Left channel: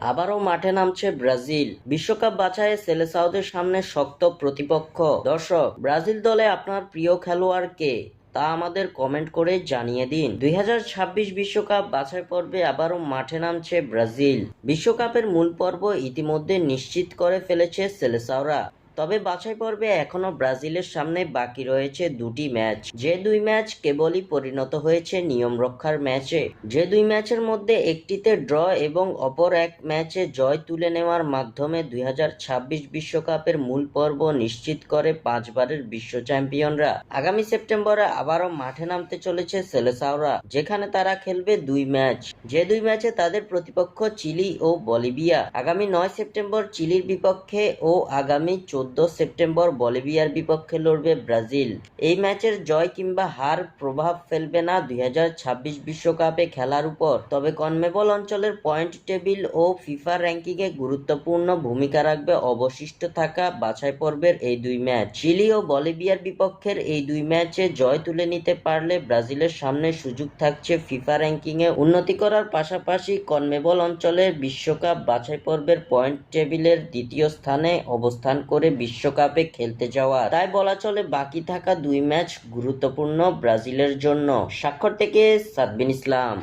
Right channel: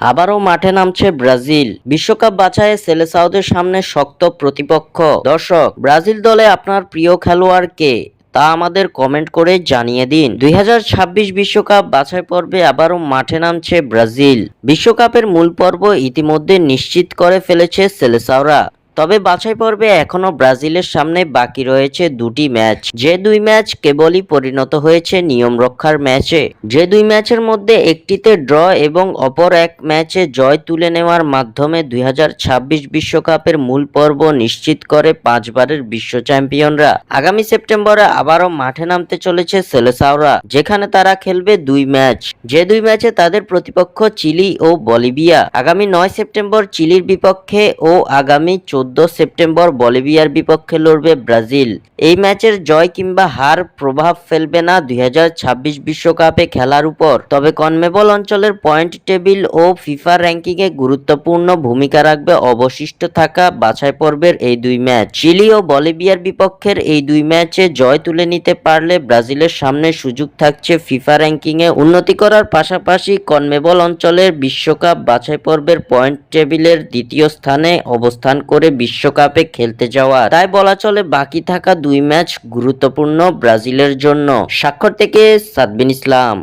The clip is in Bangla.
আবারও মাঠে নামছে ব্রাজিল। বিশ্বকাপ বাছাইয়ে সেলেসাওদের সামনে শক্ত প্রতিপক্ষ। দর্শক, ব্রাজিল দলে আপনার প্রিয় খেলোয়াড় কে তা আমাদের কমেন্ট করে জানিয়ে দিন। 2026 বিশ্বকাপ বাছাই পর্বে আবারও মাঠে নামছে ব্রাজিল। বিশ্বকাপের মূল পর্ব ইতিমধ্যে নিশ্চিত করে ফেলেছে সেলেসাওরা। তবে বাছাই পর্বে এখনো ব্রাজিলের সামনে বাকি রয়েছে দুটি ম্যাচ, যে দুই ম্যাচ কেবলই পরিণত হয়েছে নিয়ম রক্ষার ম্যাচে। যে দুই ম্যাচের মধ্যে একটিতে ড্র এবং অপর এক ম্যাচে জয় তুলে নেওয়ার মাধ্যমে 2026 বিশ্বকাপের মূল পর্ব নিশ্চিত করে পাঁচবারের বিশ্ব চ্যাম্পিয়নরা। আগামী সেপ্টেম্বরে আবারও মাঠে নামতে চলেছে সেলেসাওরা, যেখানে তারা খেলবে দুই ম্যাচ। যে দুই ম্যাচে তাদের প্রতিপক্ষ চিলি ও বলিভিয়া। আগামী 9 সেপ্টেম্বর চিলির বিপক্ষে ও আগামী 14 সেপ্টেম্বর বলিভিয়ার বিপক্ষে লড়বে ব্রাজিল। এই ম্যাচের জয় কিংবা হার প্রভাব ফেলবে না 2026 বিশ্বকাপে খেলার উপর। তবে কনমেবল অঞ্চলের পয়েন্ট টেবিল ও ফিফা র্যাঙ্কিংয়ে গুরুত্বপূর্ণ ভূমিকা রাখবে অবশিষ্ট থাকা বাছাই পর্বের এই দুই ম্যাচ। চিলি ও বলিভিয়ার বিপক্ষের এই দুই ম্যাচে জয় তুলে নিতে পারলে ব্রাজিলের সামনে সুযোগ থাকছে ফিফা র্যাঙ্কিংয়ে উন্নতি করার পাশাপাশি কনমেবল অঞ্চলের বিশ্বকাপ বাছাই পর্বের পয়েন্ট টেবিলের দ্বিতীয় স্থানে অবস্থান করে বিশ্বকাপে খেলতে যাওয়া। তাই বলা চলে বাকি থাকা দুই ম্যাচ গুরুত্বপূর্ণ ব্রাজিলের জন্য। স্বাক্ষর থেকে সাদবিন ইসলাম।